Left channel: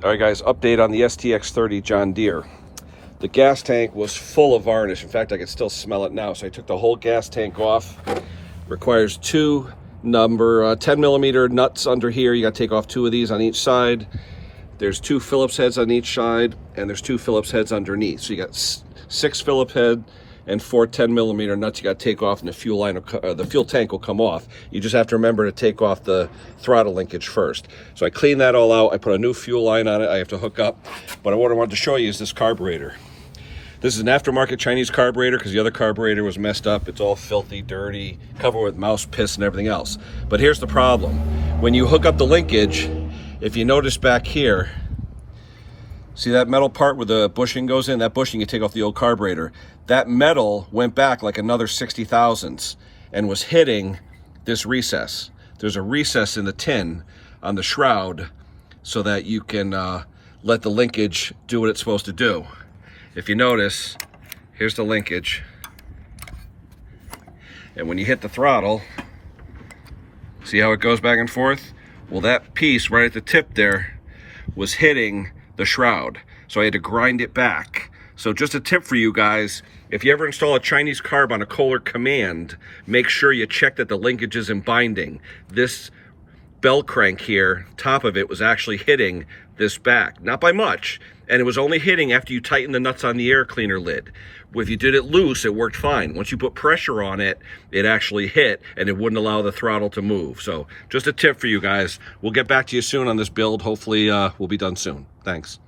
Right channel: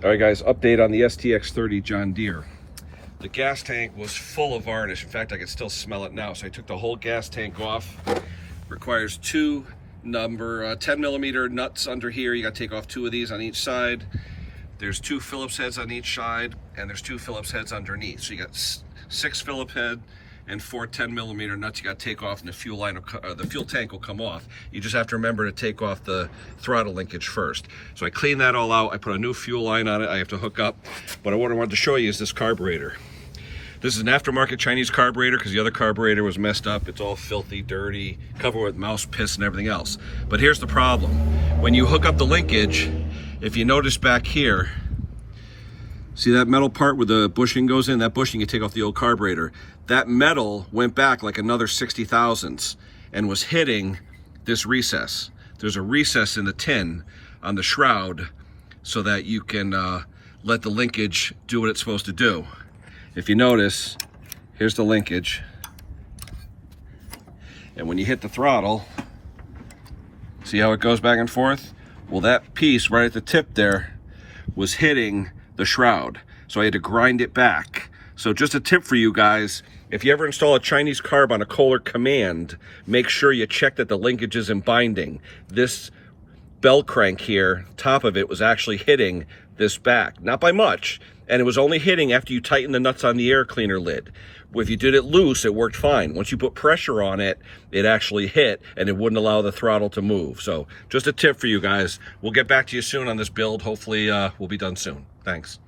All right, guys, update on the STX30 John Deere. The gas tank was full of varnish. In fact, I can still smell it now. So I took the whole gas tank off. Requires two number 10 millimeter nuts under here. You got to take off two of these on each side. There's two Phillips heads on each side, and there's two Phillips heads underneath. So you got 6 Phillips head and 4 10 millimeter nuts you got to take off, and the fuel tank will come off. You just have to remember to take off the throttle linkage first. So I cleaned that all out. I put a new fuel line on it. I have to hook up. But what I wanted to show you is this carburetor. This is an aftermarket Chinese carburetor because the other carburetor was messed up. It's all filthy, dirty, covered with mouse piss and everything else. But here's the problem. When you hook up the linkage, if you notice back here, see that metal part where the bushing goes in? That bushing, you take off the old carburetor. That metal went back like another 60 thousandths and was hitting this recess. There's a recess in the tin on the shroud so that you can let the linkage do what it's supposed to do. If you notice, here's the linkage. And when you hit the throttle, see how it goes back and forth? Well, that piece right at the tip there was hitting the shroud. So I had to grind it back. So just a tip for you guys, if you ever install a Chinese carb on a Kohler Command, make sure you check that the linkage is in binding. This bell crank here, top of it, was actually hitting this back. Not by much. And it was only hitting after you tighten the nuts on the air cleaner lid. If you did it loose, it worked fine. Once you put pressure on it, it actually hit and it wouldn't allow the throttle to move. So just a tip for you guys. We'll get back to you soon on this build. Hopefully we'll be done soon. Thanks.